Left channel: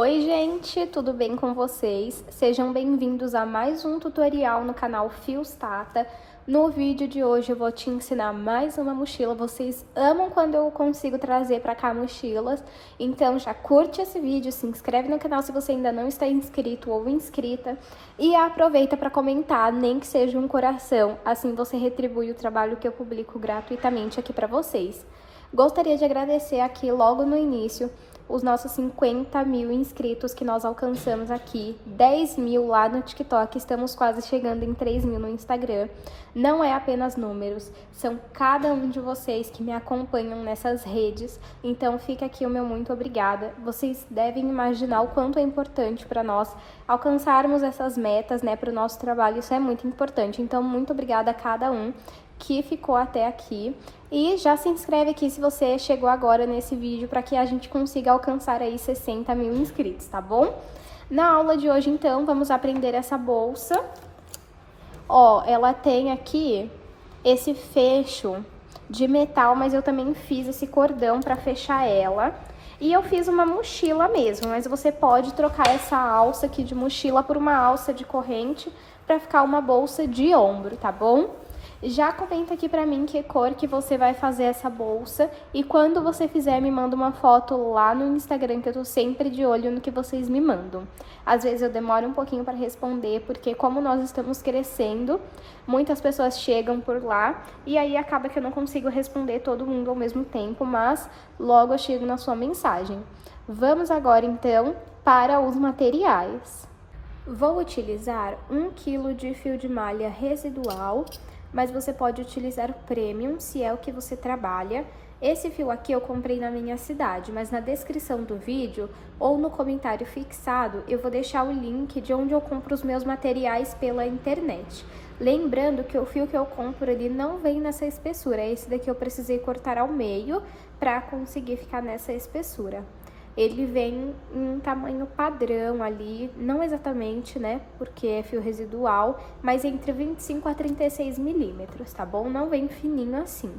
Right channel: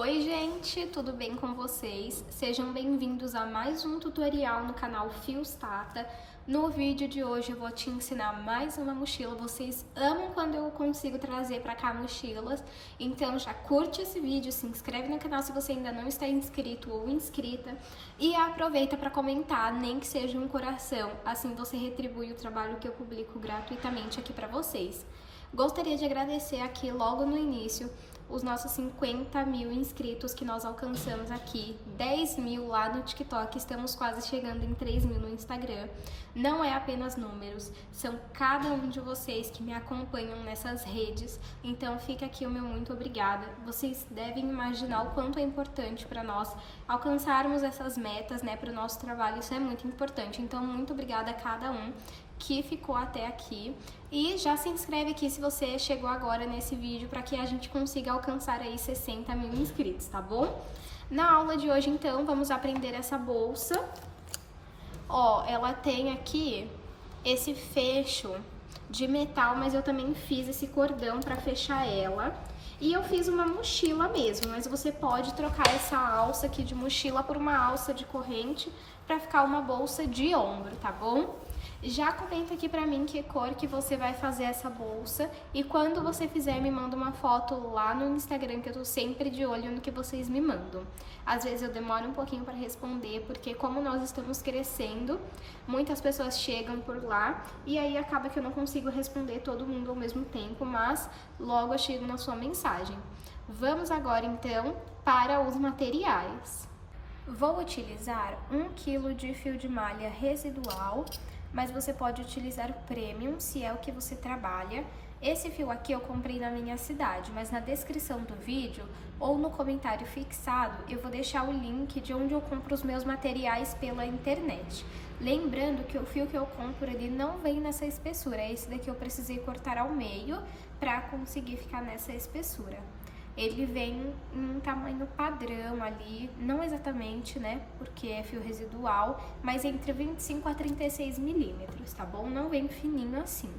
Oi gente, tudo bem com vocês? Sejam bem-vindos a mais um tutorial no canal Fios Tata. No vídeo de hoje eu vou te ensinar mais uma mochila. Vocês amam quando eu consigo trazer pra cá mochilas, então já curte esse vídeo, se inscreve no canal se você ainda não está inscrito ou inscrita e aproveita para comentar, nem que seja um coração, assim você retribui o trabalho que eu publico gratuitamente aqui para vocês. Gostaria de agradecer aqui logo no início os nossos 50 mil inscritos que nós alcançamos aqui, 10 mil lá no TikTok, estamos quase chegando em 3 mil no Instagram. Não é apenas números, são cada um de vocês que me acompanham nessas redes, então fica aqui o meu muito obrigada. Vocês devem imaginar o quanto é importante para nós alcançarmos essas metas, né, para o nosso trabalho, isso é muito importante, então muito obrigada a cada um que ficou até aqui. E já se inscreve aqui se você chegou agora nesse vídeo para que a gente consiga alcançar aí 60 mil inscritos, tá bom? Na aula de hoje, então, vamos aprender essa bolsa. Ó, ela tem aqui esse fecho de metal, mas eu também fiz esse cordão para fechar ela. E eu fiz uma mochila mesmo, mas você pode trocar essa alça aqui de mochila por uma alça de corrente para ficar uma bolsa de ombro, tá bom? Já comenta aqui pra mim que cor que você vai fazer essa bolsa e quando você fizer me manda uma foto lá no Instagram que eu tô sempre de olho no que vocês me mandam. Às vezes eu demoro um pouquinho para responder porque como nós estamos crescendo, muitas pessoas chegam por lá e aí acaba que eu não consigo responder todo mundo ao mesmo tempo, mas logo eu chego na sua mensagem. Vamos agora então para os materiais. Vou utilizar 1 kg de fio de malha residual, mas você pode utilizar o premium, se é o que você trabalha. Esse fio aqui eu comprei na minha cidade, mas na descrição do vídeo ou no comentário fixado eu vou deixar o link de onde eu compro os meus materiais pela internet. Lembrando que o fio que eu compro ele não vem nessa espessura, esse daqui eu precisei cortar ao meio para conseguir ficar nessa espessura. Ele vem em um tamanho padrão ali, não exatamente, né, porque é fio residual, mas entre 25 a 36 milímetros, tá bom? Não vem fininho assim.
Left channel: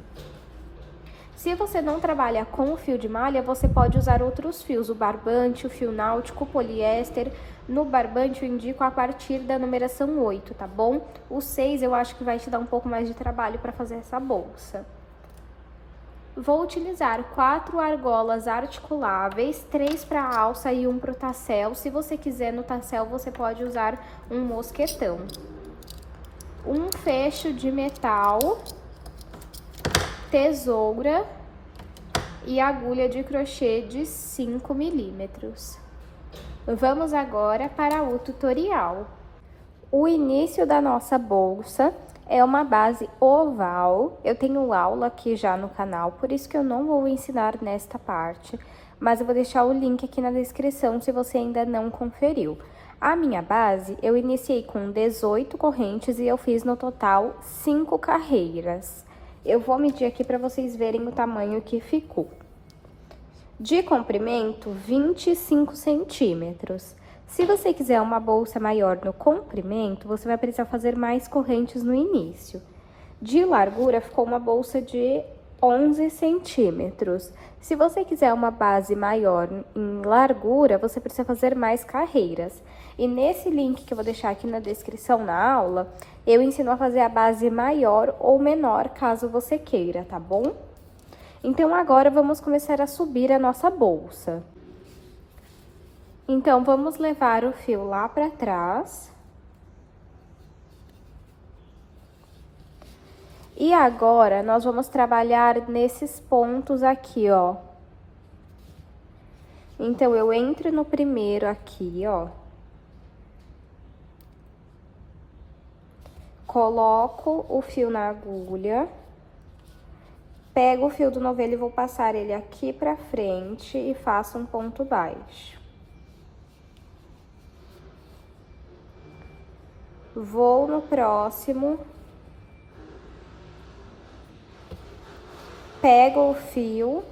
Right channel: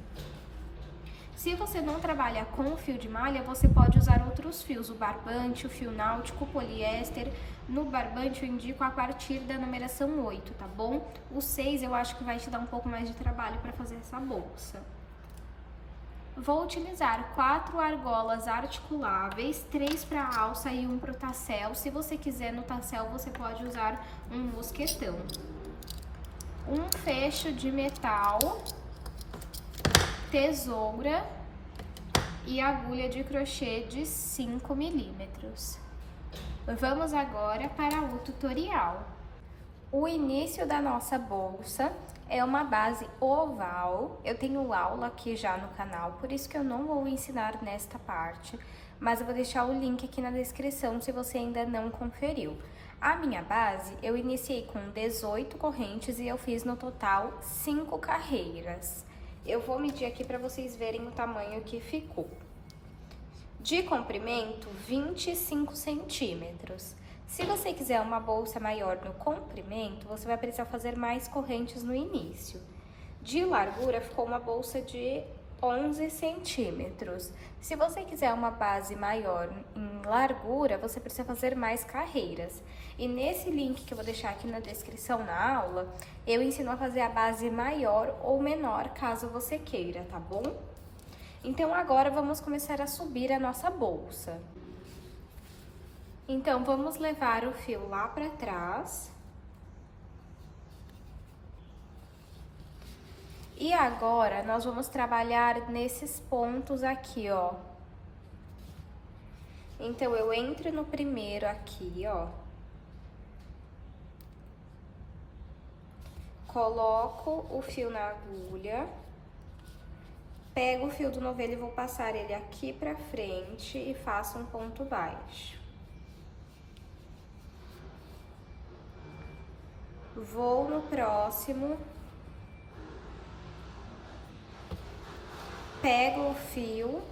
Se você não trabalha com fio de malha, você pode usar outros fios, o barbante, o fio náutico, o poliéster. No barbante eu indico a partir da numeração 8, tá bom? O 6 eu acho que vai te dar um pouco mais de trabalho para fazer essa bolsa. Vou utilizar 4 argolas articuláveis, 3 para alça e 1 para o tassel. Se você quiser no tassel, você pode usar um mosquetão. Um fecho de metal, tesoura e agulha de crochê de 5 milímetros. Vamos agora para o tutorial. O início da nossa bolsa é uma base oval. Eu tenho aula aqui já no canal, por isso que eu não vou ensinar nesta parte, mas eu vou deixar o link aqui na descrição se você ainda não conferiu. A minha base, eu iniciei com 18 correntes e eu fiz no total 5 carreiras. Eu vou medir aqui para vocês verem o tamanho que ficou. De comprimento, 25 centímetros. Se você quiser uma bolsa maior no comprimento, você vai precisar fazer mais correntes no início. De largura, ficou uma bolsa de 11 centímetros. Se você quiser uma base maior em largura, você precisa fazer mais carreiras. E nesse link que eu vou deixar aqui na descrição na aula, eu ensino a fazer a base maior ou menor, caso você queira, tá bom? Então, agora vamos começar a subir a nossa bolsa. Então, vamos levar o fio lá pra trás. E agora, nós vamos trabalhar nesses pontos aqui, ó. Então, eu entro no primeiro aqui, ó. Coloco o fio na agulha. Pego o fio do novelo e vou passar ele aqui pra frente e faço um ponto baixo. Vou no próximo, pego o fio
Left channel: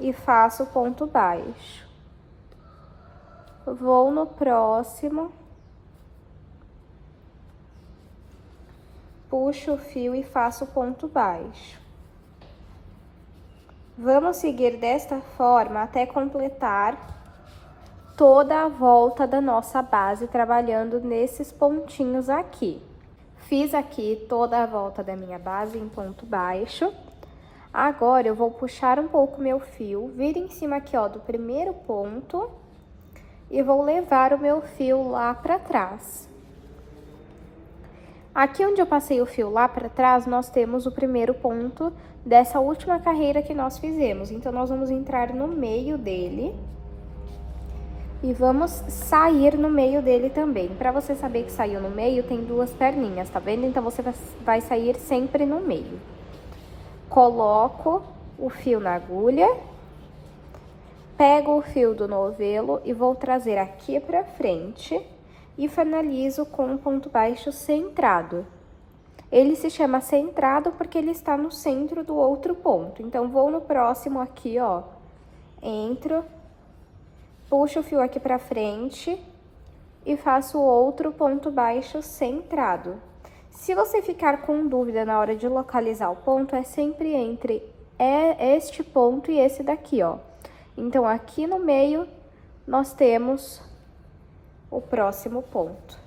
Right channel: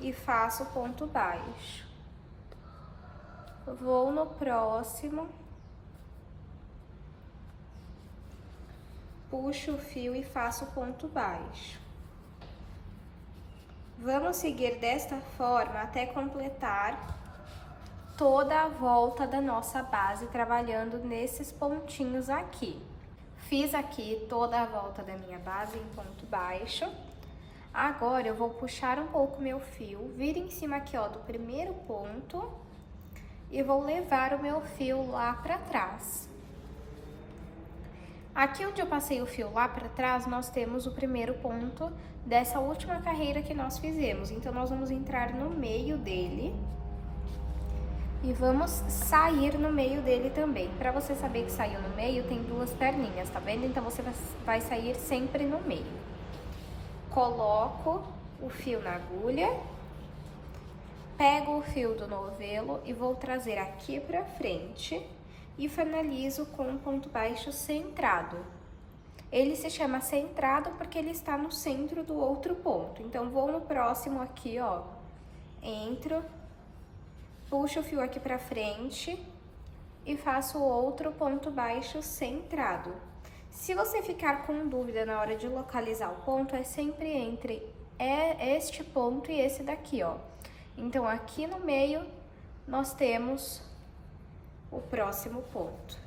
e faço ponto baixo. Vou no próximo, puxo o fio e faço ponto baixo. Vamos seguir desta forma até completar toda a volta da nossa base, trabalhando nesses pontinhos aqui. Fiz aqui toda a volta da minha base em ponto baixo. Agora, eu vou puxar um pouco meu fio, vir em cima aqui, ó, do primeiro ponto e vou levar o meu fio lá pra trás. Aqui onde eu passei o fio lá pra trás, nós temos o primeiro ponto dessa última carreira que nós fizemos. Então, nós vamos entrar no meio dele e vamos sair no meio dele também. Pra você saber que saiu no meio, tem duas perninhas, tá vendo? Então, você vai sair sempre no meio. Coloco o fio na agulha, pego o fio do novelo e vou trazer aqui pra frente e finalizo com um ponto baixo centrado. Ele se chama centrado porque ele está no centro do outro ponto. Então, vou no próximo aqui, ó, entro, puxo o fio aqui pra frente e faço outro ponto baixo centrado. Se você ficar com dúvida na hora de localizar o ponto, é sempre entre este ponto e esse daqui, ó. Então, aqui no meio, nós temos o próximo ponto.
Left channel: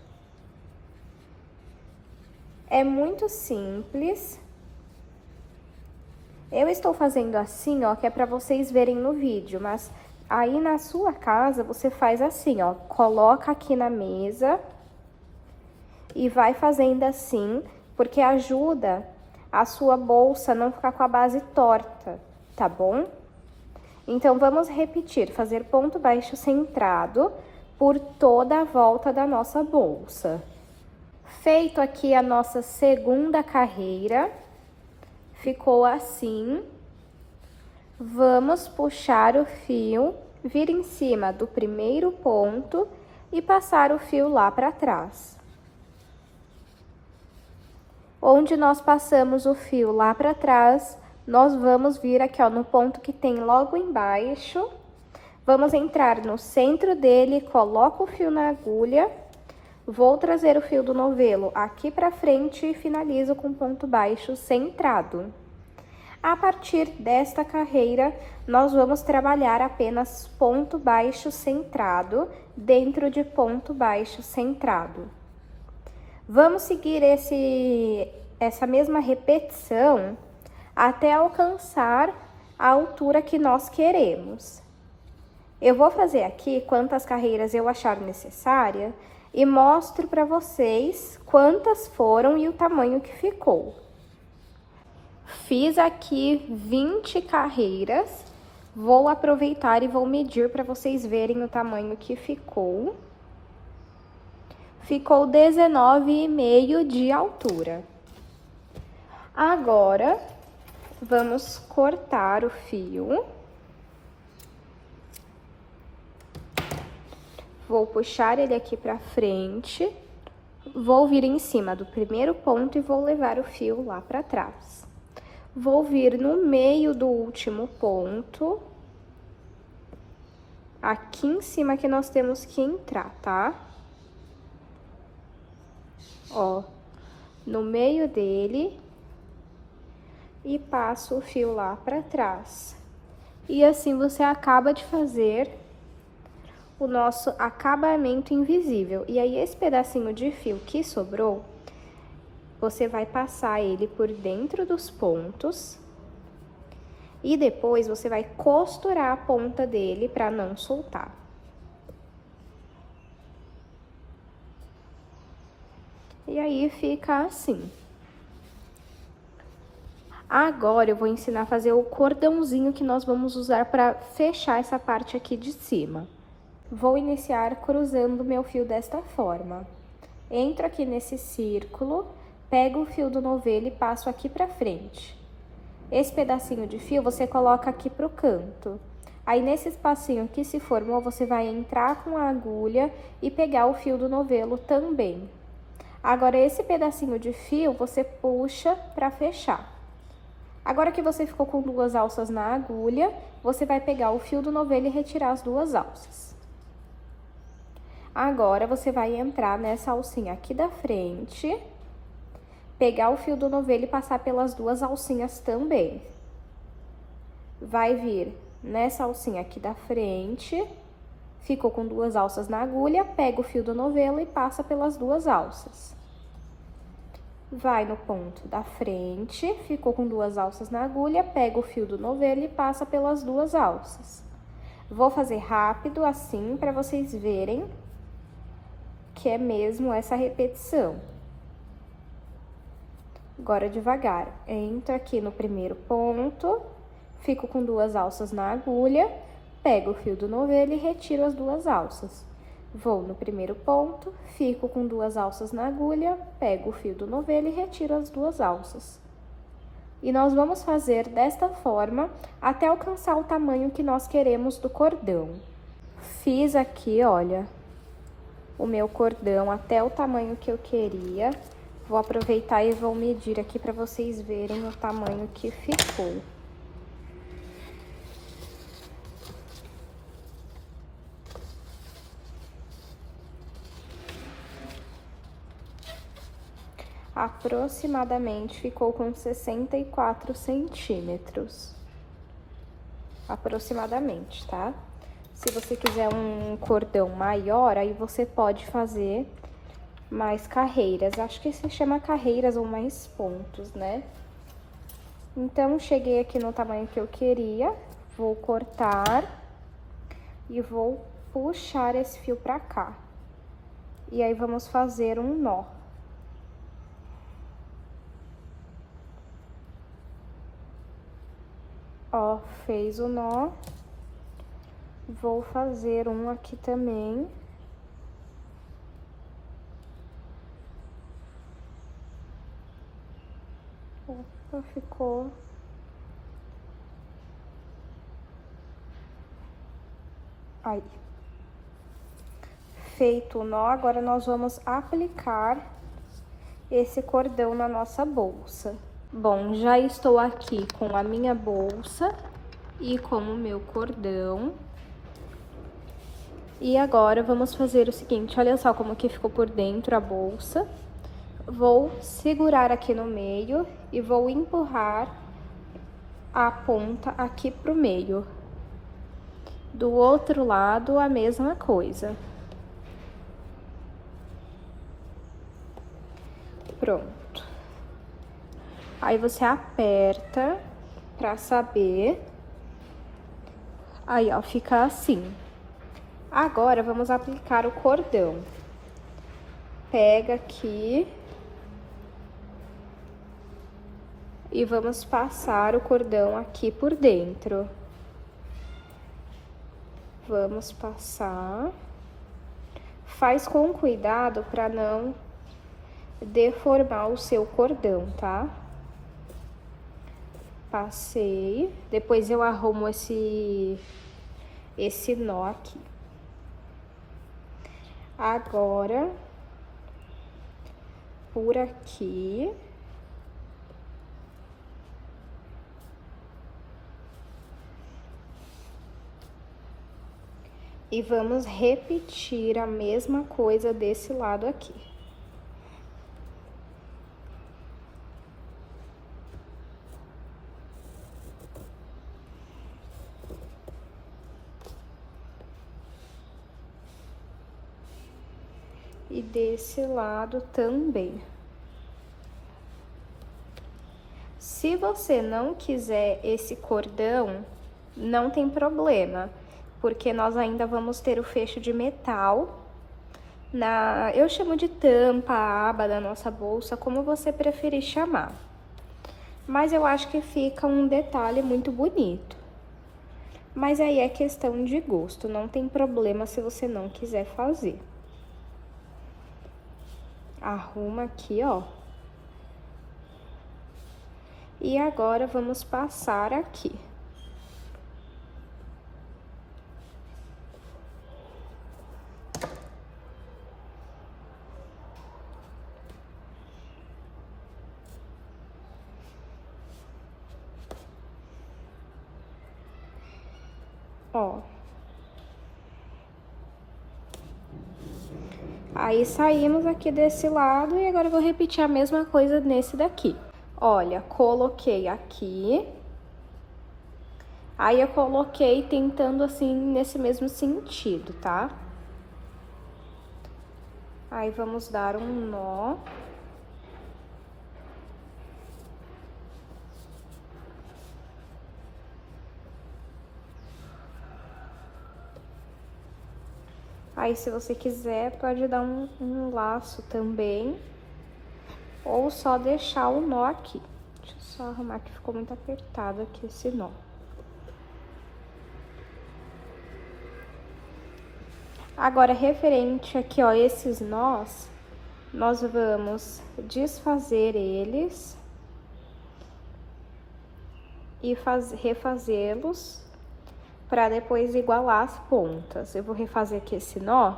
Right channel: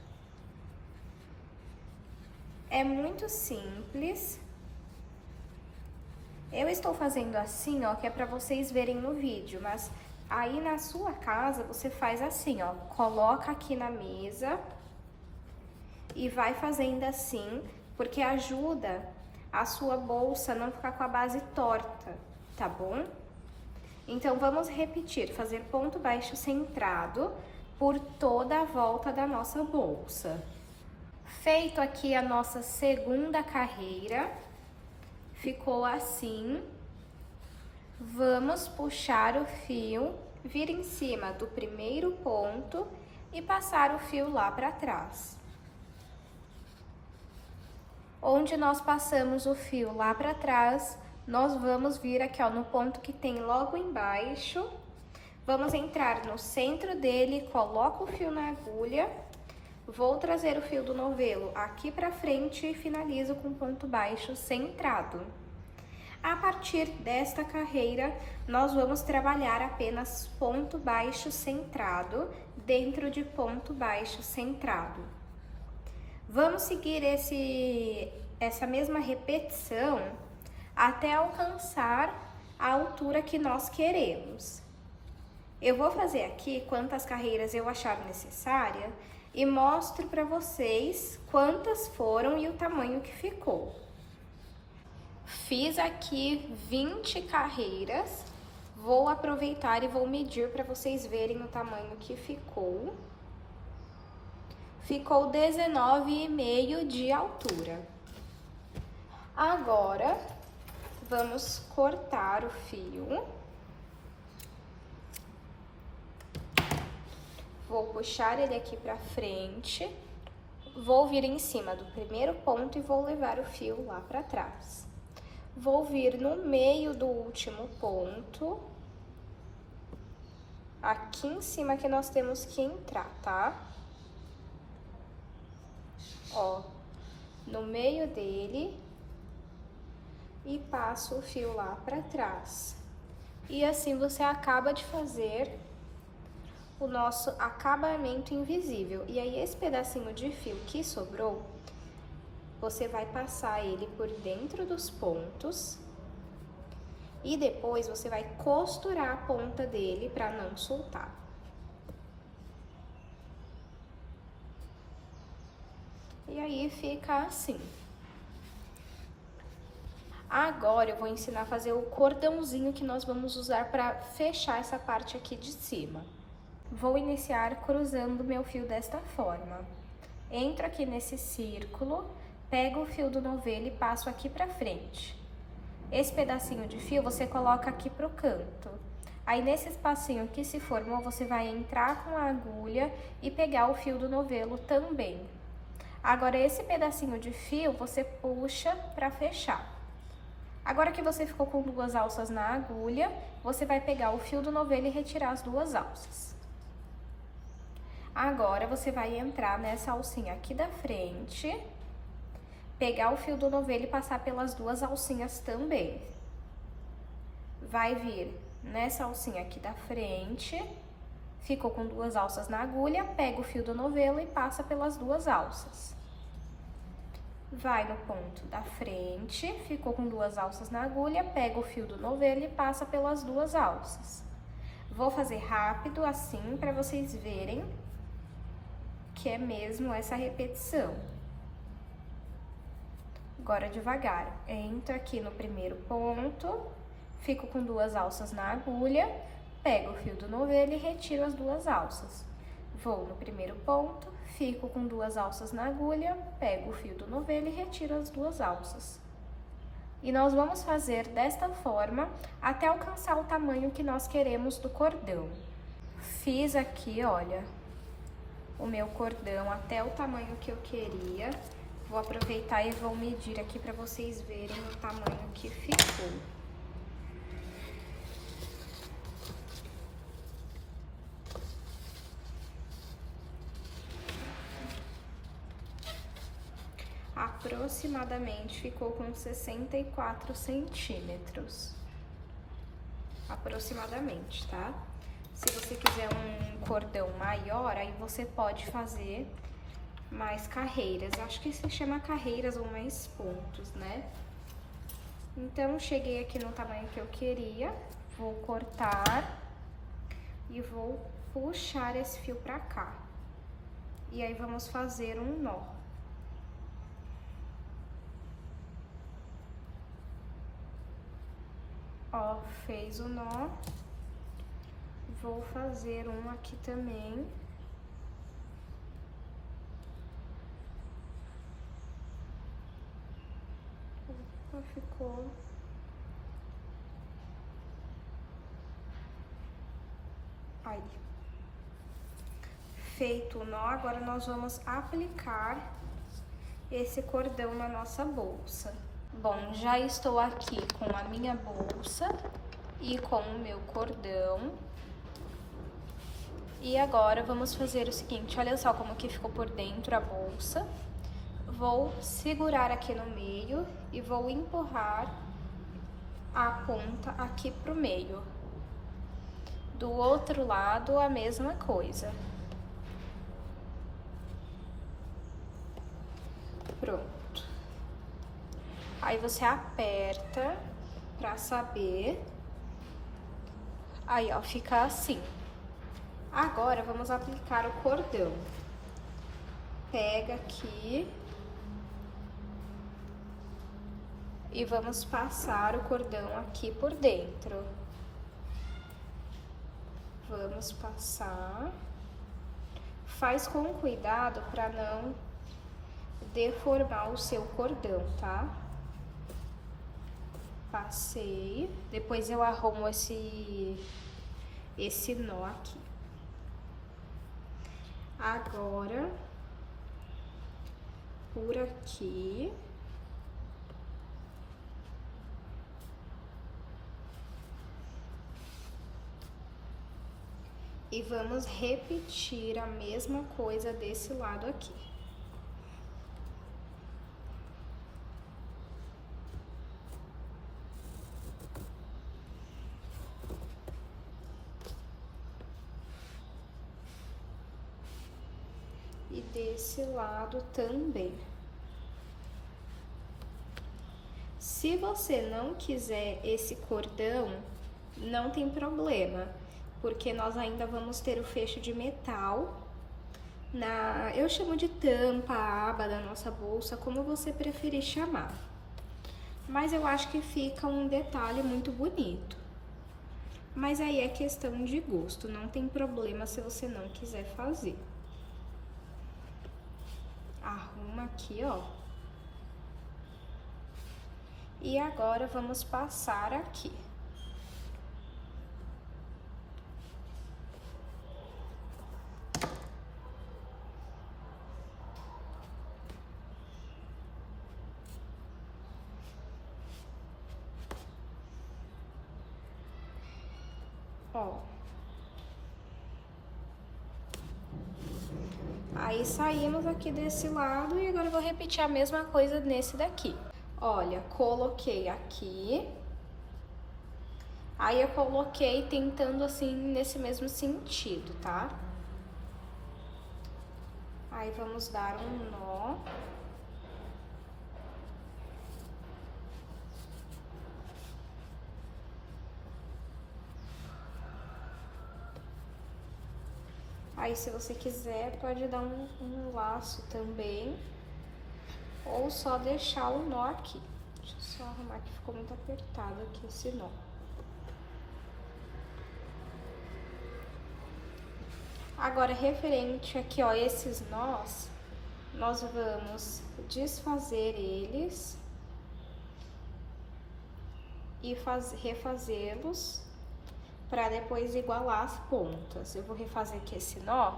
É muito simples. Eu estou fazendo assim, ó, que é pra vocês verem no vídeo, mas aí na sua casa, você faz assim, ó, coloca aqui na mesa e vai fazendo assim, porque ajuda a sua bolsa não ficar com a base torta, tá bom? Então, vamos repetir, fazer ponto baixo centrado por toda a volta da nossa bolsa. Feito aqui a nossa segunda carreira, ficou assim. Vamos puxar o fio, vir em cima do primeiro ponto e passar o fio lá para trás. Onde nós passamos o fio lá para trás, nós vamos vir aqui, ó, no ponto que tem logo embaixo. Vamos entrar no centro dele, coloco o fio na agulha, vou trazer o fio do novelo aqui pra frente e finalizo com ponto baixo centrado. A partir desta carreira, nós vamos trabalhar apenas ponto baixo centrado dentro de ponto baixo centrado. Vamos seguir essa mesma repetição até alcançar a altura que nós queremos. Eu vou fazer aqui quantas carreiras eu achar necessária e mostro para vocês quantas foram e o tamanho que ficou. Fiz aqui 20 carreiras, vou aproveitar e vou medir para vocês verem o tamanho que ficou. Ficou 19,5 de altura. Agora, vamos cortar o fio. Vou puxar ele aqui pra frente, vou vir em cima do primeiro ponto e vou levar o fio lá pra trás. Vou vir no meio do último ponto, aqui em cima que nós temos que entrar, tá? Ó, no meio dele e passo o fio lá pra trás. E assim você acaba de fazer o nosso acabamento invisível. E aí, esse pedacinho de fio que sobrou, você vai passar ele por dentro dos pontos e depois você vai costurar a ponta dele para não soltar. E aí, fica assim. Agora, eu vou ensinar a fazer o cordãozinho que nós vamos usar para fechar essa parte aqui de cima. Vou iniciar cruzando meu fio desta forma. Entro aqui nesse círculo, pego o fio do novelo e passo aqui pra frente. Esse pedacinho de fio você coloca aqui pro canto. Aí, nesse espacinho que se formou, você vai entrar com a agulha e pegar o fio do novelo também. Agora, esse pedacinho de fio, você puxa pra fechar. Agora que você ficou com duas alças na agulha, você vai pegar o fio do novelo e retirar as duas alças. Agora, você vai entrar nessa alcinha aqui da frente, pegar o fio do novelo e passar pelas duas alcinhas também. Vai vir nessa alcinha aqui da frente ficou com 2 alças na agulha, pega o fio do novelo e passa pelas 2 alças. Vai no ponto da frente, ficou com 2 alças na agulha, pega o fio do novelo e passa pelas 2 alças. Vou fazer rápido assim para vocês verem que é mesmo essa repetição. Agora devagar, entro aqui no primeiro ponto, fico com 2 alças na agulha, pego o fio do novelo e retiro as 2 alças. Vou no primeiro ponto, fico com 2 alças na agulha, pego o fio do novelo e retiro as 2 alças. E nós vamos fazer desta forma até alcançar o tamanho que nós queremos do cordão. Fiz aqui, olha, o meu cordão até o tamanho que eu queria. Vou aproveitar e vou medir aqui para vocês verem o tamanho que ficou. Aproximadamente ficou com 64 centímetros. Aproximadamente, tá? Se você quiser um cordão maior, aí você pode fazer mais carreiras. Acho que se chama carreiras ou mais pontos, né? Então, cheguei aqui no tamanho que eu queria. Vou cortar e vou puxar esse fio pra cá. E aí, vamos fazer um nó. Ó, fez o nó. Vou fazer um aqui também. Opa, ficou. Aí. Feito o nó, agora nós vamos aplicar esse cordão na nossa bolsa. Bom, já estou aqui com a minha bolsa e com o meu cordão. E agora, vamos fazer o seguinte, olha só como que ficou por dentro a bolsa. Vou segurar aqui no meio e vou empurrar a ponta aqui pro meio. Do outro lado, a mesma coisa. Pronto. Aí, você aperta pra saber. Aí, ó, fica assim. Agora, vamos aplicar o cordão. Pega aqui. E vamos passar o cordão aqui por dentro. Vamos passar. Faz com cuidado pra não deformar o seu cordão, tá? Passei, depois eu arrumo esse nó aqui. Agora, por aqui. E vamos repetir a mesma coisa desse lado aqui. E desse lado também. Se você não quiser esse cordão, não tem problema, porque nós ainda vamos ter o fecho de metal eu chamo de tampa, a aba da nossa bolsa, como você preferir chamar. Mas eu acho que fica um detalhe muito bonito. Mas aí é questão de gosto, não tem problema se você não quiser fazer. Arruma aqui, ó. E agora, vamos passar aqui. Ó. Aí, saímos aqui desse lado e agora eu vou repetir a mesma coisa nesse daqui. Olha, coloquei aqui. Aí eu coloquei tentando assim nesse mesmo sentido, tá? Aí vamos dar um nó. Aí, se você quiser, pode dar um laço também, ou só deixar o nó aqui. Deixa eu só arrumar que ficou muito apertado aqui esse nó. Agora, referente aqui, ó, esses nós, nós vamos desfazer eles e refazê-los para depois igualar as pontas. Eu vou refazer aqui esse nó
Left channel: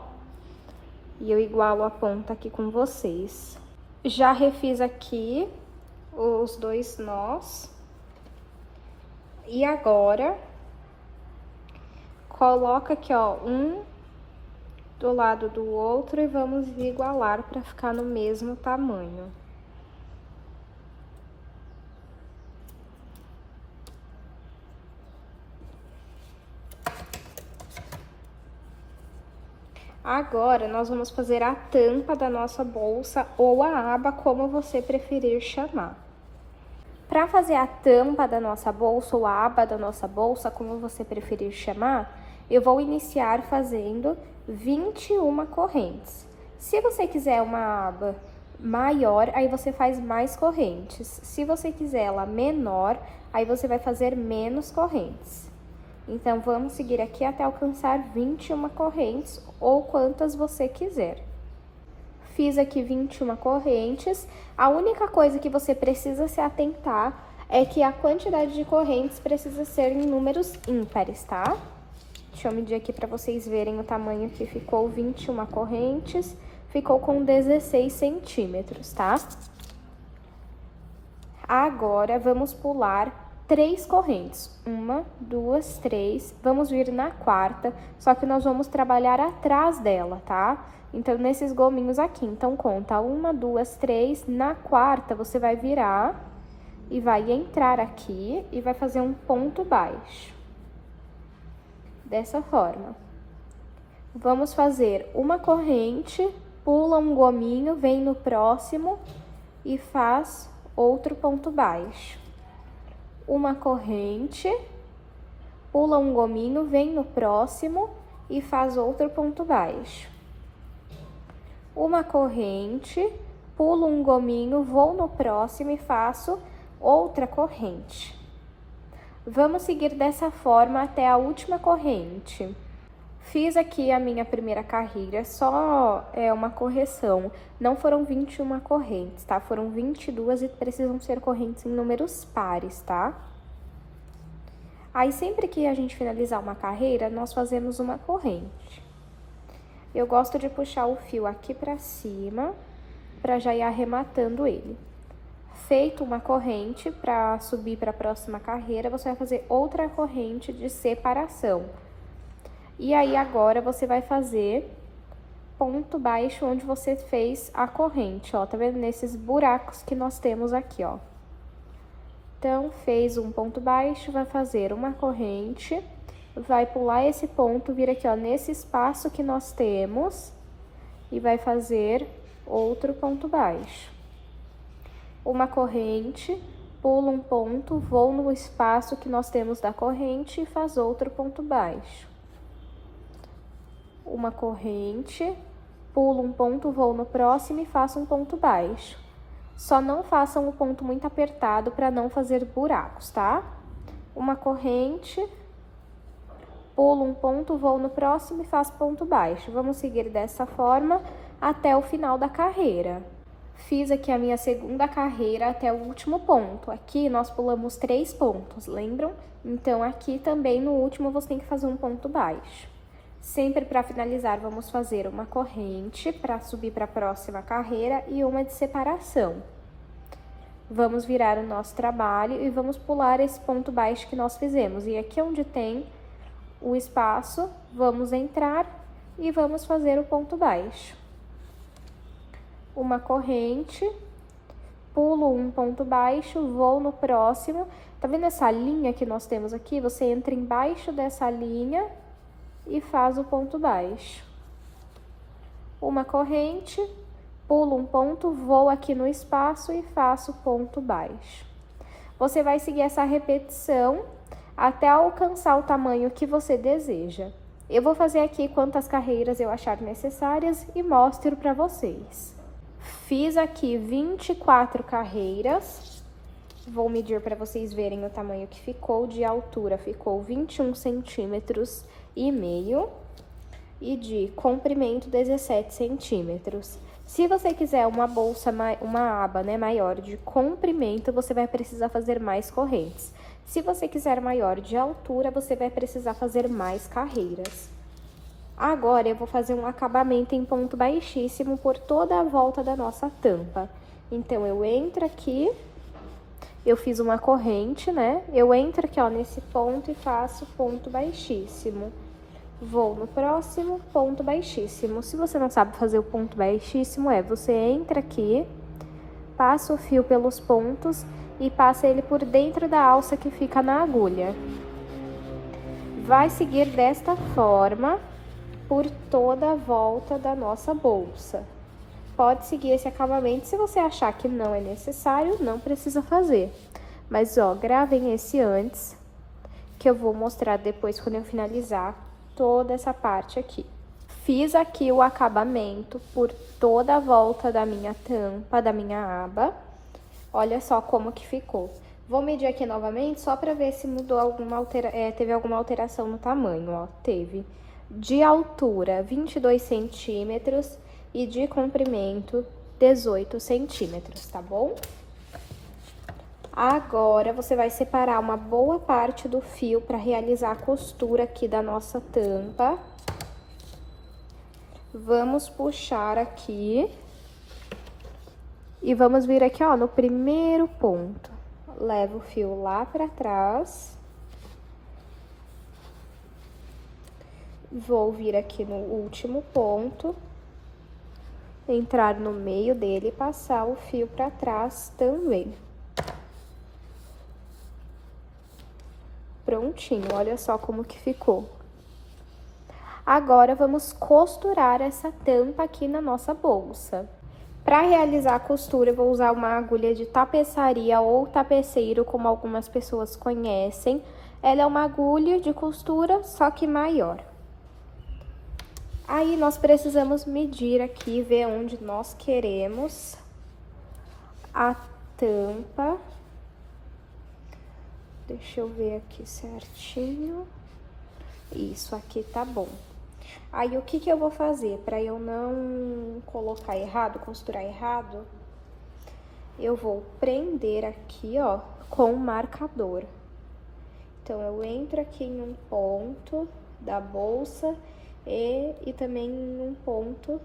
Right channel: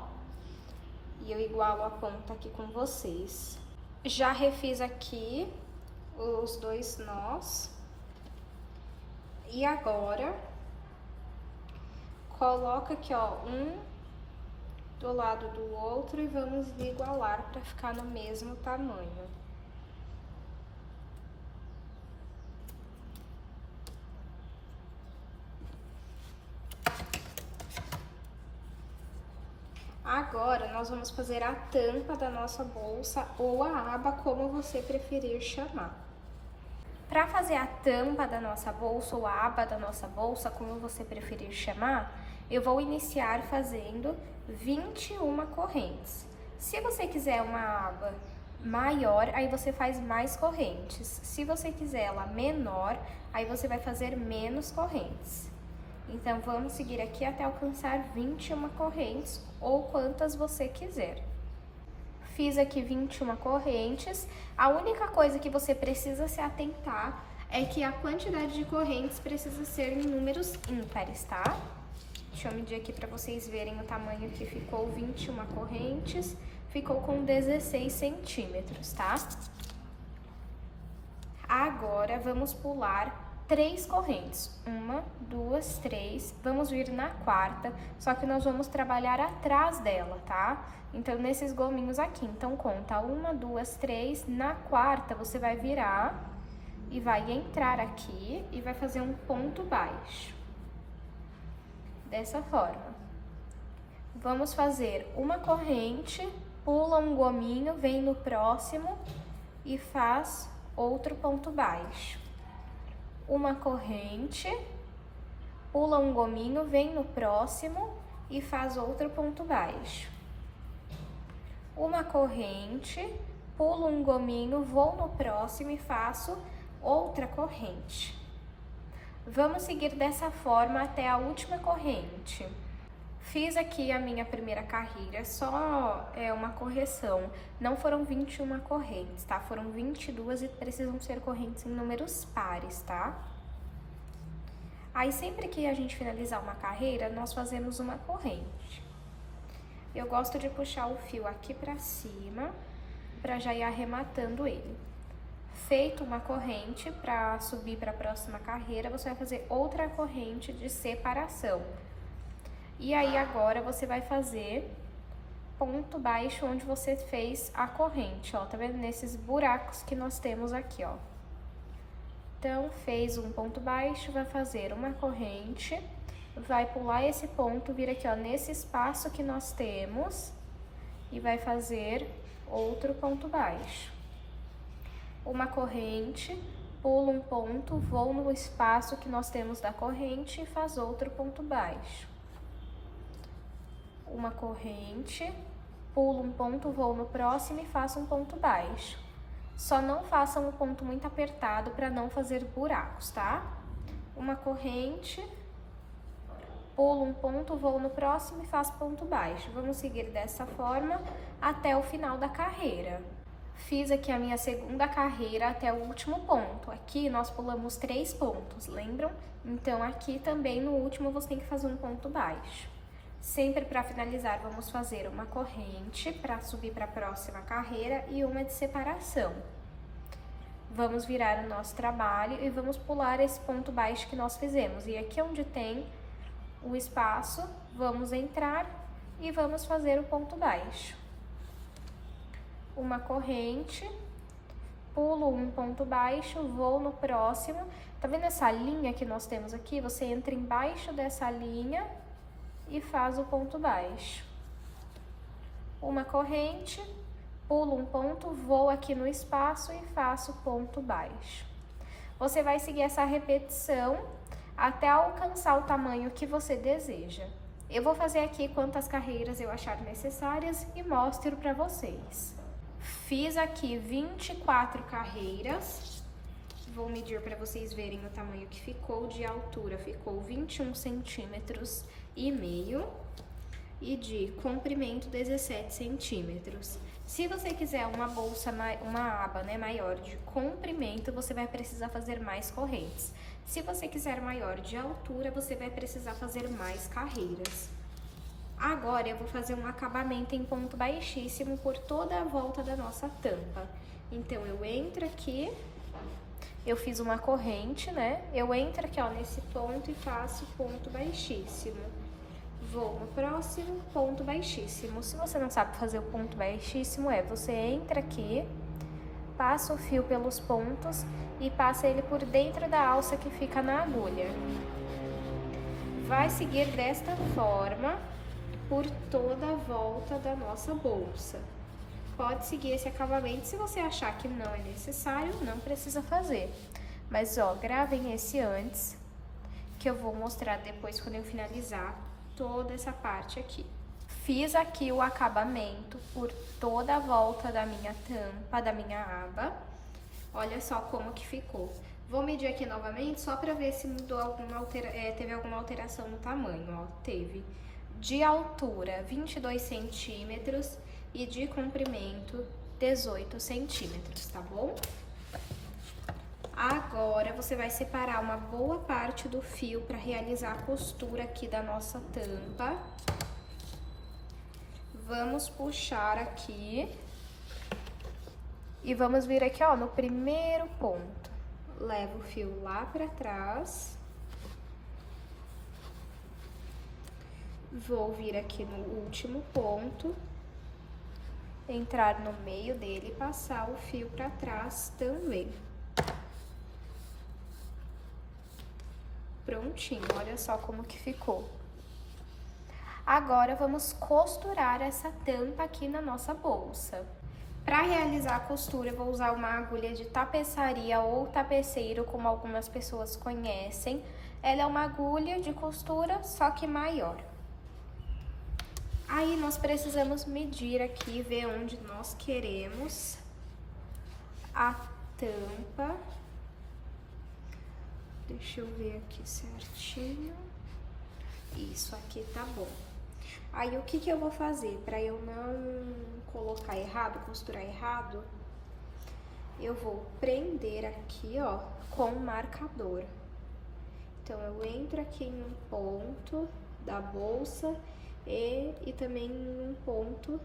e eu igualo a ponta aqui com vocês. Já refiz aqui os dois nós. E agora, coloca aqui, ó, um do lado do outro e vamos igualar para ficar no mesmo tamanho. Agora, nós vamos fazer a tampa da nossa bolsa ou a aba, como você preferir chamar. Para fazer a tampa da nossa bolsa ou a aba da nossa bolsa, como você preferir chamar, eu vou iniciar fazendo 21 correntes. Se você quiser uma aba maior, aí você faz mais correntes. Se você quiser ela menor, aí você vai fazer menos correntes. Então, vamos seguir aqui até alcançar 21 correntes, ou quantas você quiser. Fiz aqui 21 correntes. A única coisa que você precisa se atentar é que a quantidade de correntes precisa ser em números ímpares, tá? Deixa eu medir aqui para vocês verem o tamanho que ficou. 21 correntes, ficou com 16 centímetros, tá? Agora, vamos pular 3 correntes, 1, 2, 3, vamos vir na quarta, só que nós vamos trabalhar atrás dela, tá? Então, nesses gominhos aqui, então conta 1, 2, 3, na quarta você vai virar e vai entrar aqui e vai fazer um ponto baixo, dessa forma. Vamos fazer uma corrente, pula um gominho, vem no próximo e faz outro ponto baixo. Uma corrente, pula um gominho, vem no próximo e faz outro ponto baixo. Uma corrente, pulo um gominho, vou no próximo e faço outra corrente. Vamos seguir dessa forma até a última corrente. Fiz aqui a minha primeira carreira, só uma correção, não foram 21 correntes, tá? Foram 22 e precisam ser correntes em números pares, tá? Aí, sempre que a gente finalizar uma carreira, nós fazemos uma corrente. Eu gosto de puxar o fio aqui pra cima, pra já ir arrematando ele. Feito uma corrente, pra subir pra próxima carreira, você vai fazer outra corrente de separação. E aí, agora, você vai fazer ponto baixo onde você fez a corrente, ó. Tá vendo? Nesses buracos que nós temos aqui, ó. Então, fez um ponto baixo, vai fazer uma corrente, vai pular esse ponto, vir aqui, ó, nesse espaço que nós temos e vai fazer outro ponto baixo. Uma corrente, pula um ponto, vou no espaço que nós temos da corrente e faz outro ponto baixo. Uma corrente, pulo um ponto, vou no próximo e faço um ponto baixo. Só não façam um ponto muito apertado para não fazer buracos, tá? Uma corrente, pulo um ponto, vou no próximo e faço ponto baixo. Vamos seguir dessa forma até o final da carreira. Fiz aqui a minha segunda carreira até o último ponto. Aqui nós pulamos 3 pontos, lembram? Então, aqui também no último você tem que fazer um ponto baixo. Sempre para finalizar, vamos fazer uma corrente para subir para a próxima carreira e uma de separação. Vamos virar o nosso trabalho e vamos pular esse ponto baixo que nós fizemos. E aqui onde tem o espaço, vamos entrar e vamos fazer o ponto baixo. Uma corrente, pulo um ponto baixo, vou no próximo. Tá vendo essa linha que nós temos aqui? Você entra embaixo dessa linha e faz o ponto baixo. Uma corrente, pulo um ponto, vou aqui no espaço e faço ponto baixo. Você vai seguir essa repetição até alcançar o tamanho que você deseja. Eu vou fazer aqui quantas carreiras eu achar necessárias e mostro para vocês. Fiz aqui 24 carreiras. Vou medir para vocês verem o tamanho que ficou. De altura ficou 21 centímetros e meio e de comprimento 17 centímetros. Se você quiser uma bolsa, uma aba, né, maior de comprimento, você vai precisar fazer mais correntes. Se você quiser maior de altura, você vai precisar fazer mais carreiras. Agora, eu vou fazer um acabamento em ponto baixíssimo por toda a volta da nossa tampa. Então, eu entro aqui, eu fiz uma corrente, né? Eu entro aqui, ó, nesse ponto e faço ponto baixíssimo. Vou no próximo, ponto baixíssimo. Se você não sabe fazer o ponto baixíssimo, você entra aqui, passa o fio pelos pontos e passa ele por dentro da alça que fica na agulha. Vai seguir desta forma por toda a volta da nossa bolsa. Pode seguir esse acabamento, se você achar que não é necessário, não precisa fazer. Mas, ó, gravem esse antes, que eu vou mostrar depois quando eu finalizar toda essa parte aqui. Fiz aqui o acabamento por toda a volta da minha tampa, da minha aba. Olha só como que ficou. Vou medir aqui novamente só para ver se mudou teve alguma alteração no tamanho, ó. Teve de altura 22 centímetros e de comprimento 18 centímetros, tá bom? Agora, você vai separar uma boa parte do fio para realizar a costura aqui da nossa tampa. Vamos puxar aqui e vamos vir aqui, ó, no primeiro ponto. Levo o fio lá para trás. Vou vir aqui no último ponto, entrar no meio dele e passar o fio para trás também. Prontinho, olha só como que ficou. Agora, vamos costurar essa tampa aqui na nossa bolsa. Para realizar a costura, eu vou usar uma agulha de tapeçaria ou tapeceiro, como algumas pessoas conhecem. Ela é uma agulha de costura, só que maior. Aí, nós precisamos medir aqui, ver onde nós queremos a tampa. Deixa eu ver aqui certinho. Isso aqui tá bom. Aí, o que que eu vou fazer? Para eu não colocar errado, costurar errado, eu vou prender aqui, ó, com o marcador. Então, eu entro aqui em um ponto da bolsa e também em um ponto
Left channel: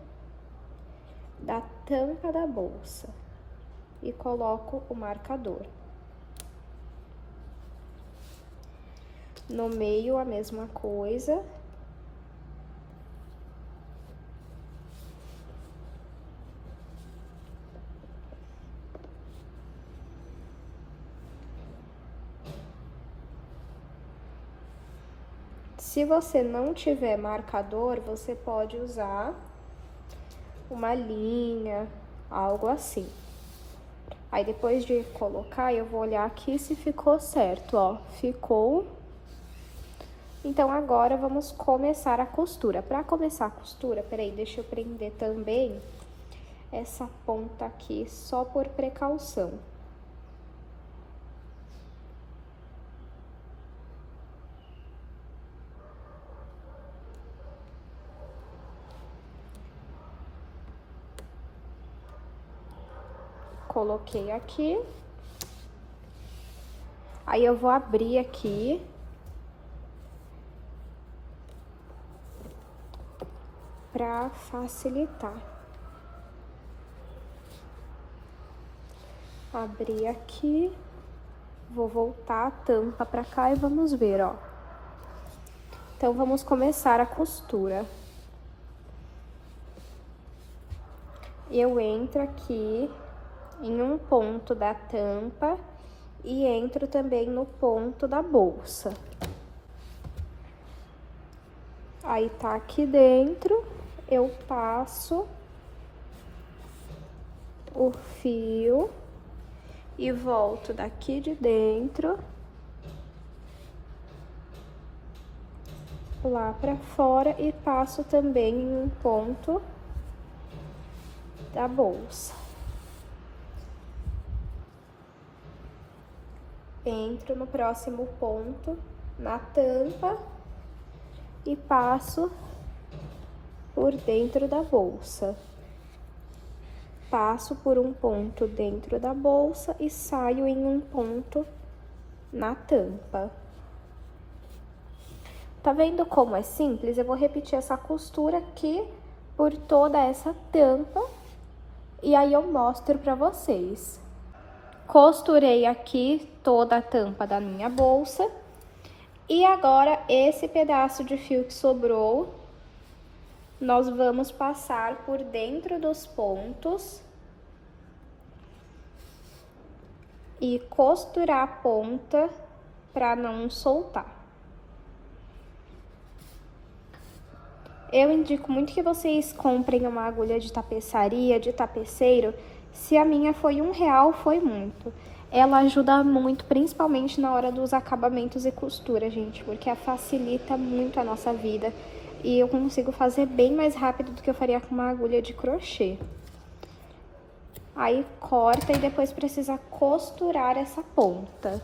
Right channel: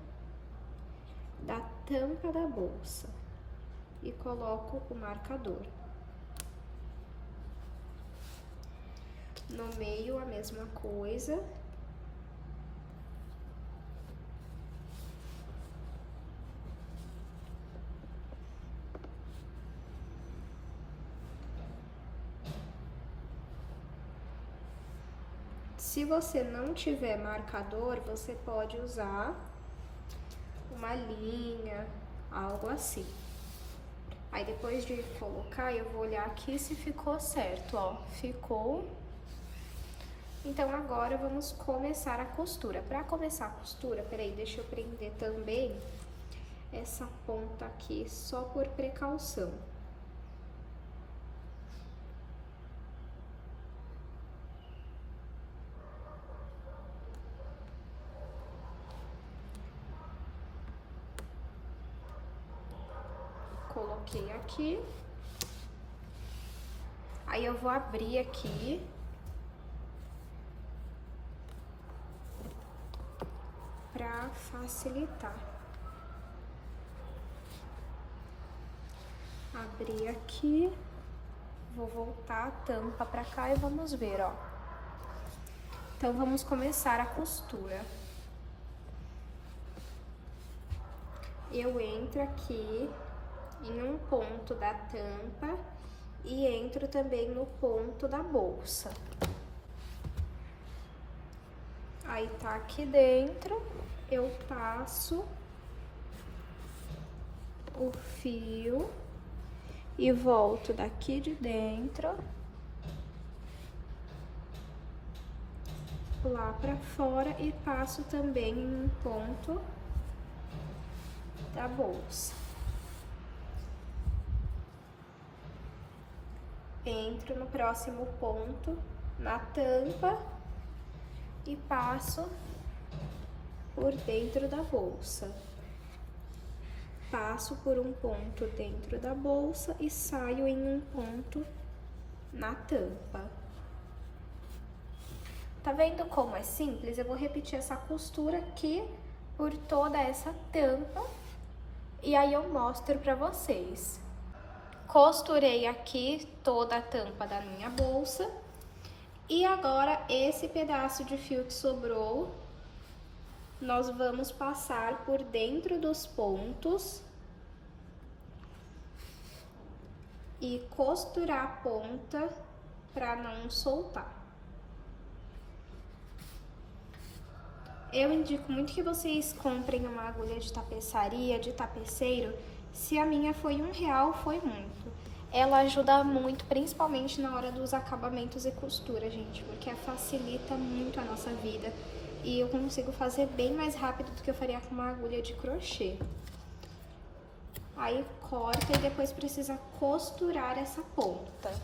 da tampa da bolsa. E coloco o marcador. No meio, a mesma coisa. Se você não tiver marcador, você pode usar uma linha, algo assim. Aí, depois de colocar, eu vou olhar aqui se ficou certo, ó. Ficou. Então, agora, vamos começar a costura. Para começar a costura, peraí, deixa eu prender também essa ponta aqui, só por precaução. Coloquei aqui. Aí, eu vou abrir aqui. Pra facilitar. Abri aqui. Vou voltar a tampa pra cá e vamos ver, ó. Então, vamos começar a costura. Eu entro aqui em um ponto da tampa e entro também no ponto da bolsa. Aí tá aqui dentro, eu passo o fio e volto daqui de dentro lá pra fora e passo também em um ponto da bolsa. Entro no próximo ponto, na tampa, e passo por dentro da bolsa. Passo por um ponto dentro da bolsa e saio em um ponto na tampa. Tá vendo como é simples? Eu vou repetir essa costura aqui por toda essa tampa e aí eu mostro pra vocês. Costurei aqui toda a tampa da minha bolsa. E agora, esse pedaço de fio que sobrou, nós vamos passar por dentro dos pontos e costurar a ponta para não soltar. Eu indico muito que vocês comprem uma agulha de tapeçaria, de tapeceiro. Se a minha foi R$1, foi muito. Ela ajuda muito, principalmente na hora dos acabamentos e costura, gente, porque ela facilita muito a nossa vida. E eu consigo fazer bem mais rápido do que eu faria com uma agulha de crochê. Aí corta e depois precisa costurar essa ponta.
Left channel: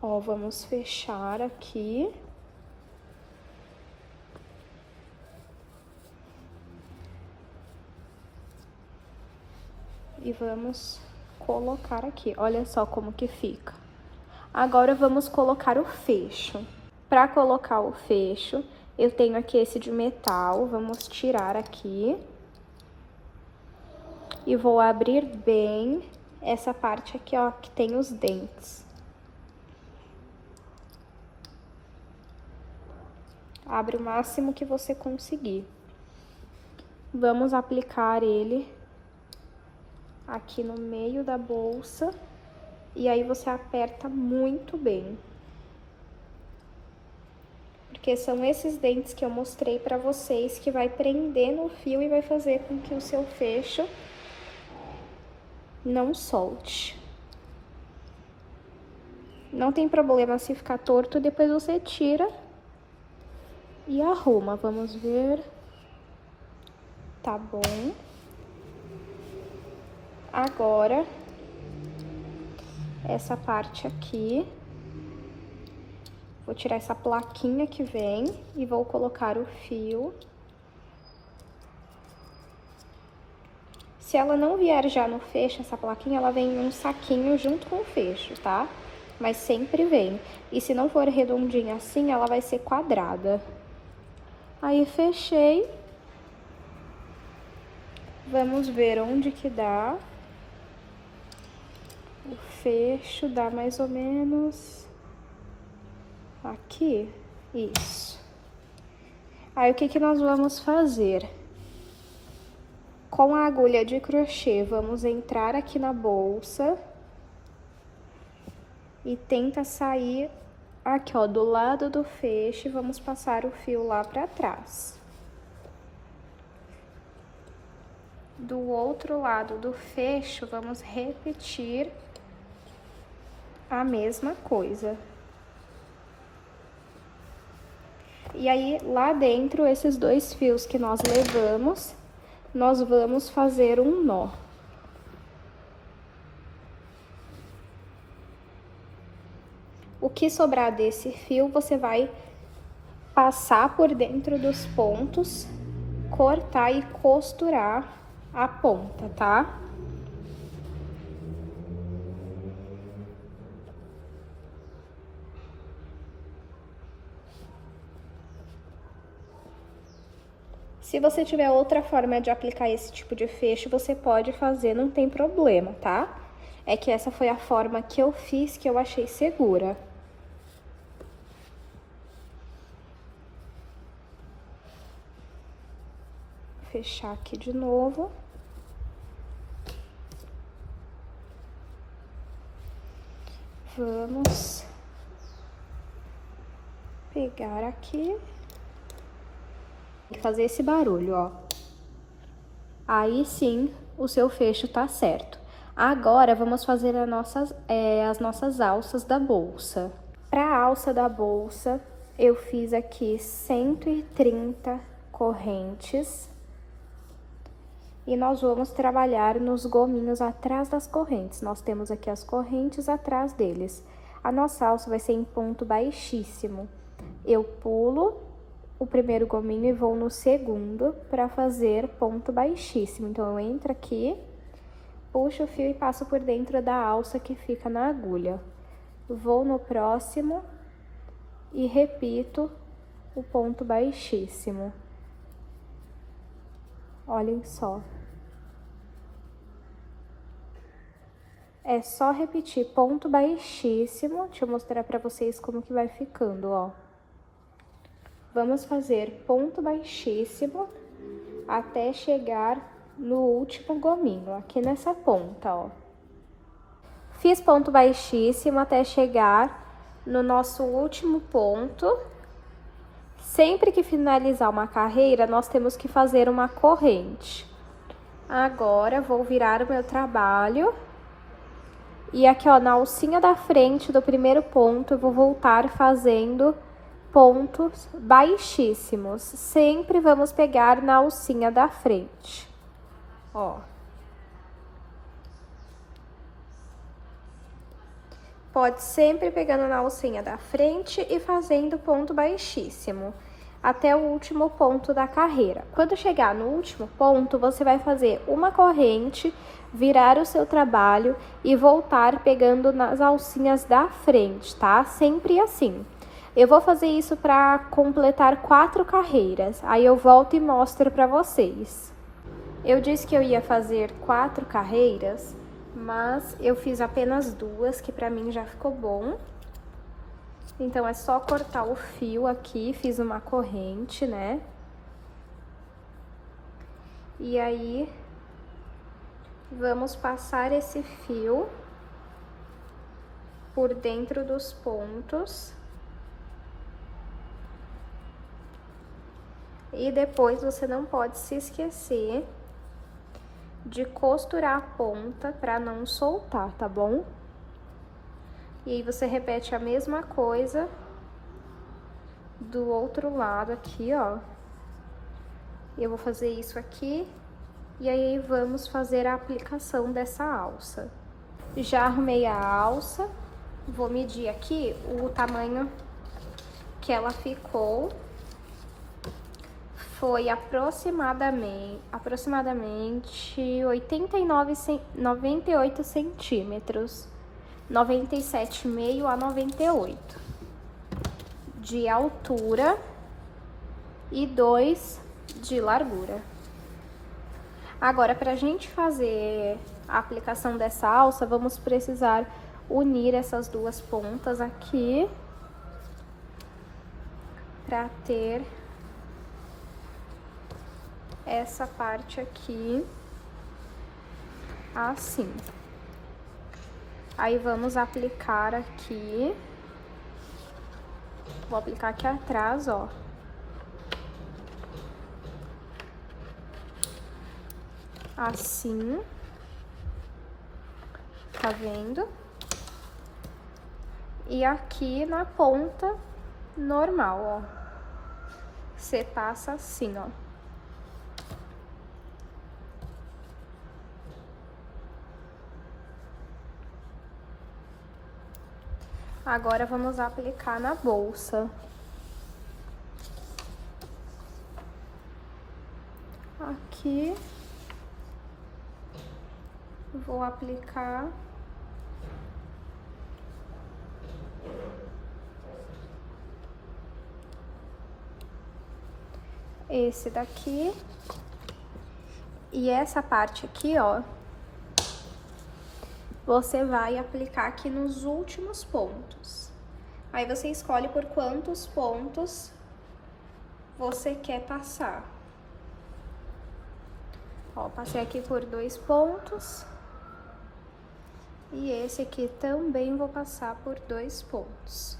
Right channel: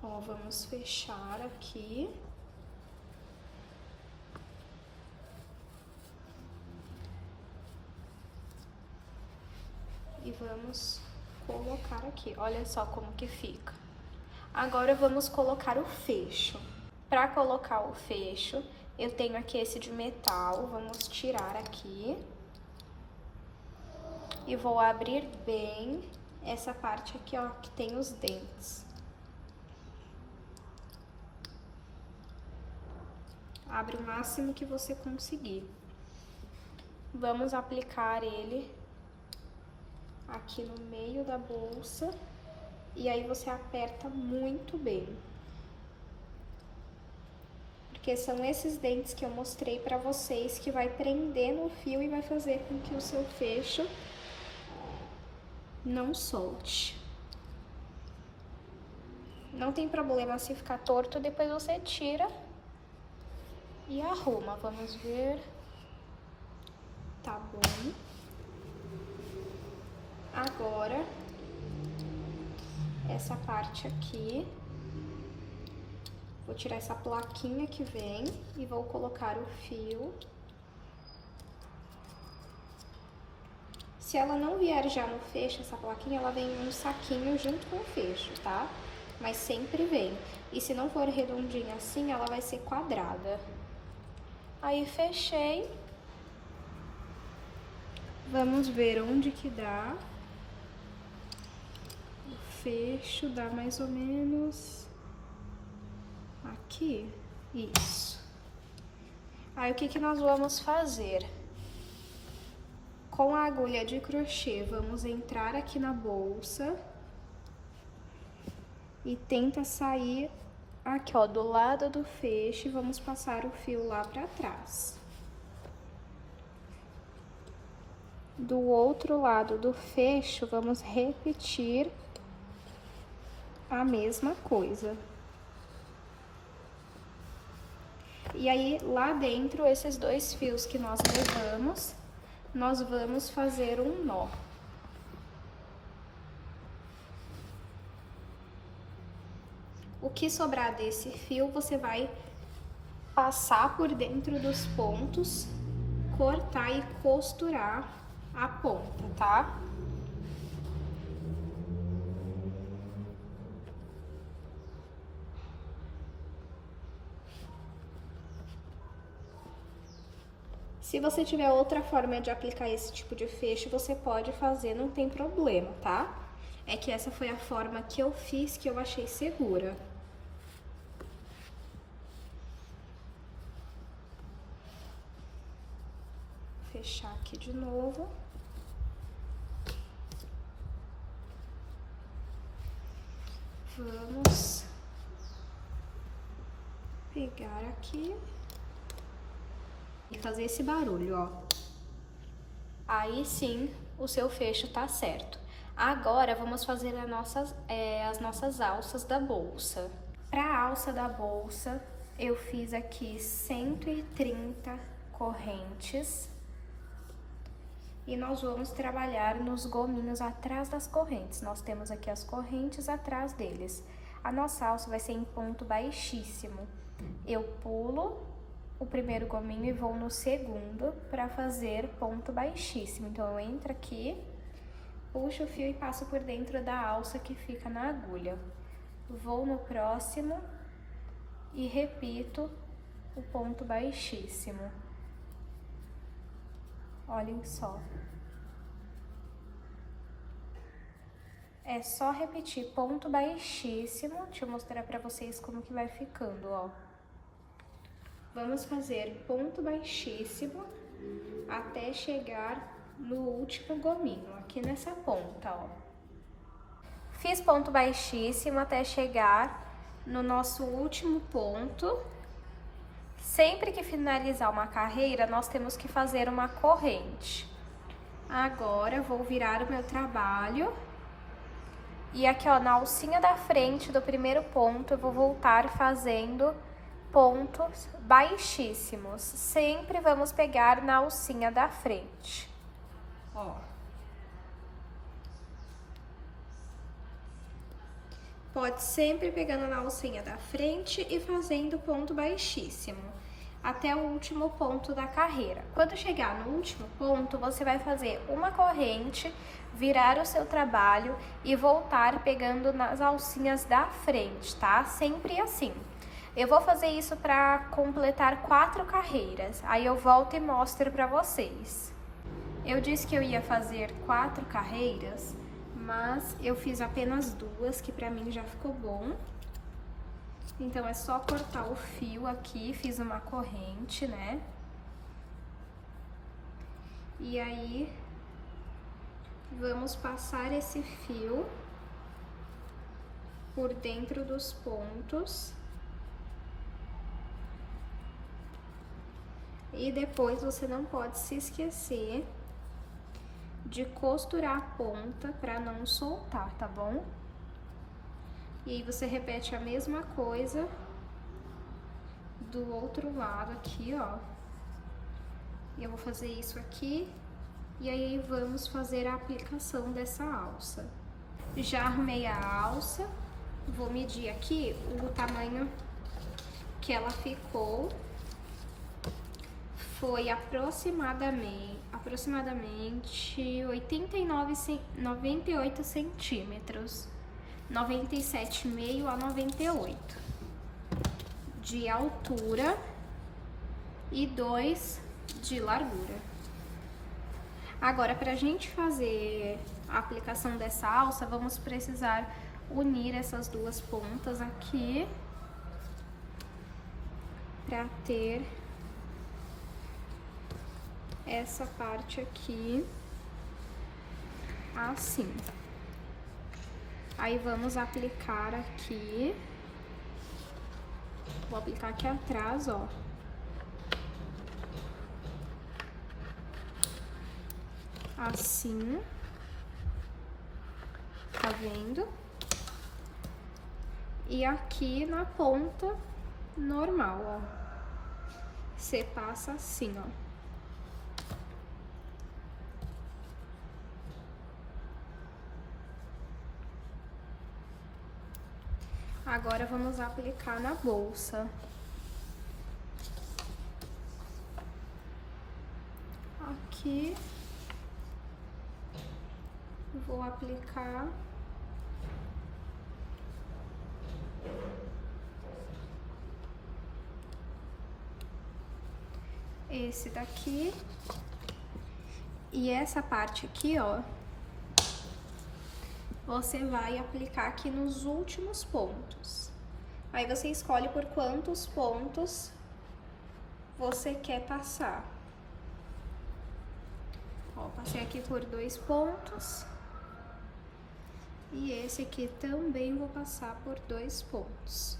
Ó, vamos fechar aqui. E vamos colocar aqui, olha só como que fica. Agora vamos colocar o fecho. Para colocar o fecho, eu tenho aqui esse de metal, vamos tirar aqui. E vou abrir bem essa parte aqui, ó, que tem os dentes. Abre o máximo que você conseguir. Vamos aplicar ele aqui no meio da bolsa, e aí você aperta muito bem. Porque são esses dentes que eu mostrei pra vocês que vai prender no fio e vai fazer com que o seu fecho não solte. Não tem problema se ficar torto, depois você tira e arruma. Vamos ver. Tá bom. Agora, essa parte aqui, vou tirar essa plaquinha que vem e vou colocar o fio. Se ela não vier já no fecho, essa plaquinha, ela vem em um saquinho junto com o fecho, tá? Mas sempre vem. E se não for redondinha assim, ela vai ser quadrada. Aí, fechei. Vamos ver onde que dá. O fecho dá mais ou menos aqui, isso. Aí, o que que nós vamos fazer? Com a agulha de crochê, vamos entrar aqui na bolsa e tenta sair aqui, ó, do lado do fecho, e vamos passar o fio lá pra trás. Do outro lado do fecho, vamos repetir a mesma coisa. E aí, lá dentro, esses dois fios que nós levamos, nós vamos fazer um nó. O que sobrar desse fio, você vai passar por dentro dos pontos, cortar e costurar a ponta, tá? Se você tiver outra forma de aplicar esse tipo de fecho, você pode fazer, não tem problema, tá? É que essa foi a forma que eu fiz, que eu achei segura. fechar aqui de novo. Vamos pegar aqui e fazer esse barulho, ó. Aí sim, o seu fecho tá certo. Agora, vamos fazer as nossas alças da bolsa. Para a alça da bolsa, eu fiz aqui 130 correntes. E nós vamos trabalhar nos gominhos atrás das correntes. Nós temos aqui as correntes atrás deles. A nossa alça vai ser em ponto baixíssimo. Eu pulo o primeiro gominho e vou no segundo para fazer ponto baixíssimo. Então, eu entro aqui, puxo o fio e passo por dentro da alça que fica na agulha. Vou no próximo e repito o ponto baixíssimo. Olhem só. É só repetir ponto baixíssimo. Deixa eu mostrar pra vocês como que vai ficando, ó. Vamos fazer ponto baixíssimo até chegar no último gominho, aqui nessa ponta, ó. Fiz ponto baixíssimo até chegar no nosso último ponto. Sempre que finalizar uma carreira, nós temos que fazer uma corrente. Agora, vou virar o meu trabalho. E aqui, ó, na alcinha da frente do primeiro ponto, eu vou voltar fazendo pontos baixíssimos. Sempre vamos pegar na alcinha da frente, ó. Pode sempre pegando na alcinha da frente e fazendo ponto baixíssimo, até o último ponto da carreira. Quando chegar no último ponto, você vai fazer uma corrente, virar o seu trabalho e voltar pegando nas alcinhas da frente, tá? Sempre assim. Eu vou fazer isso para completar 4 carreiras, aí eu volto e mostro para vocês. Eu disse que eu ia fazer 4 carreiras, mas eu fiz apenas 2, que pra mim já ficou bom. Então, é só cortar o fio aqui, fiz uma corrente, né? E aí, vamos passar esse fio por dentro dos pontos. E depois, você não pode se esquecer de costurar a ponta pra não soltar, tá bom? E aí, você repete a mesma coisa do outro lado aqui, ó. Eu vou fazer isso aqui, e aí vamos fazer a aplicação dessa alça. Já arrumei a alça, vou medir aqui o tamanho que ela ficou. Foi aproximadamente 98 centímetros, 97,5 a 98 de altura e 2 de largura. Agora, pra gente fazer a aplicação dessa alça, vamos precisar unir essas duas pontas aqui pra ter essa parte aqui, assim. Aí, vamos aplicar aqui. Vou aplicar aqui atrás, ó. Assim. Tá vendo? E aqui na ponta normal, ó. Você passa assim, ó. Agora, vamos aplicar na bolsa. Aqui. Vou aplicar. Esse daqui. E essa parte aqui, ó. Você vai aplicar aqui nos últimos pontos. Aí, você escolhe por quantos pontos você quer passar. Ó, passei aqui por 2 pontos. E esse aqui também vou passar por 2 pontos.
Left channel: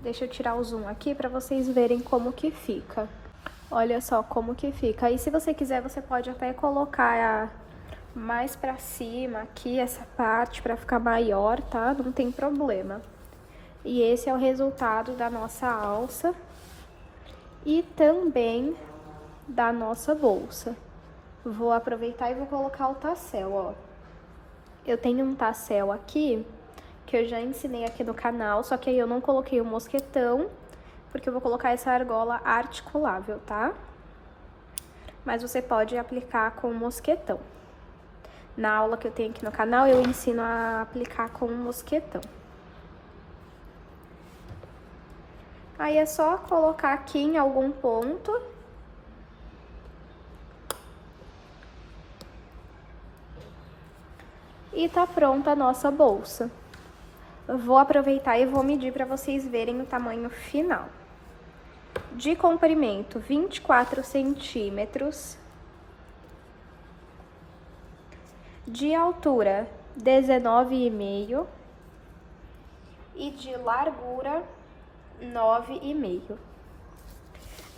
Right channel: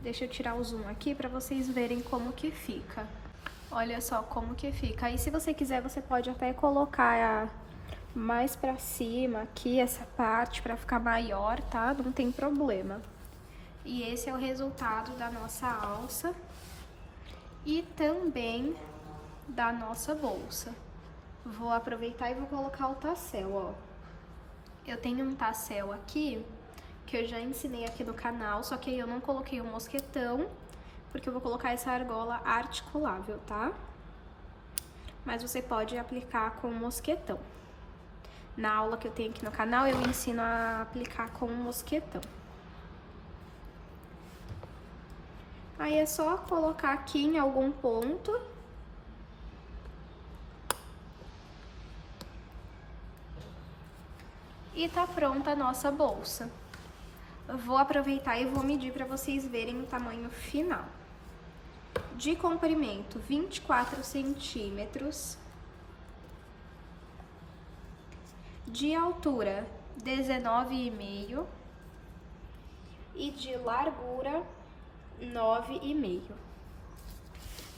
Deixa eu tirar o zoom aqui para vocês verem como que fica. Olha só como que fica. Aí, se você quiser, você pode até colocar mais pra cima aqui, essa parte, pra ficar maior, tá? Não tem problema. E esse é o resultado da nossa alça e também da nossa bolsa. Vou aproveitar e vou colocar o tassel, ó. Eu tenho um tassel aqui, que eu já ensinei aqui no canal, só que aí eu não coloquei o mosquetão, porque eu vou colocar essa argola articulável, tá? Mas você pode aplicar com o mosquetão. Na aula que eu tenho aqui no canal, eu ensino a aplicar com o mosquetão. Aí é só colocar aqui em algum ponto. E tá pronta a nossa bolsa. Eu vou aproveitar e vou medir para vocês verem o tamanho final. De comprimento, 24 centímetros. De altura, 19,5. E de largura, 9,5.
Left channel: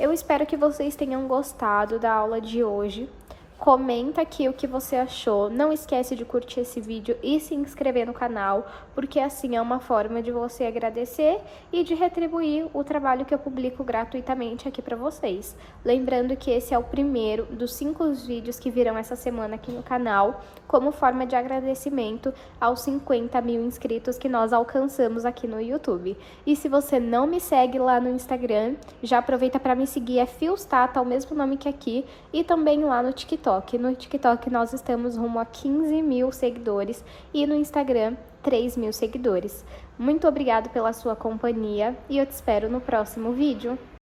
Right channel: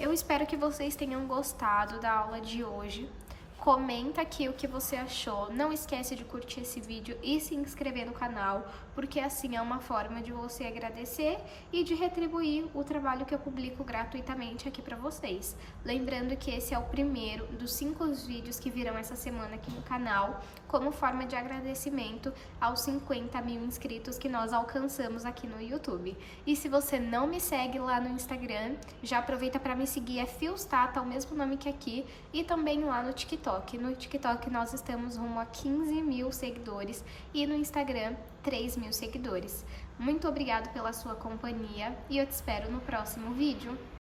Eu espero que vocês tenham gostado da aula de hoje. Comenta aqui o que você achou. Não esquece de curtir esse vídeo e se inscrever no canal, porque assim é uma forma de você agradecer e de retribuir o trabalho que eu publico gratuitamente aqui pra vocês. Lembrando que esse é o primeiro dos 5 vídeos que virão essa semana aqui no canal, como forma de agradecimento aos 50 mil inscritos que nós alcançamos aqui no YouTube. E se você não me segue lá no Instagram, já aproveita para me seguir, é Fiostata, o mesmo nome que aqui, e também lá no TikTok. No TikTok nós estamos rumo a 15 mil seguidores e no Instagram 3 mil seguidores. Muito obrigado pela sua companhia e eu te espero no próximo vídeo.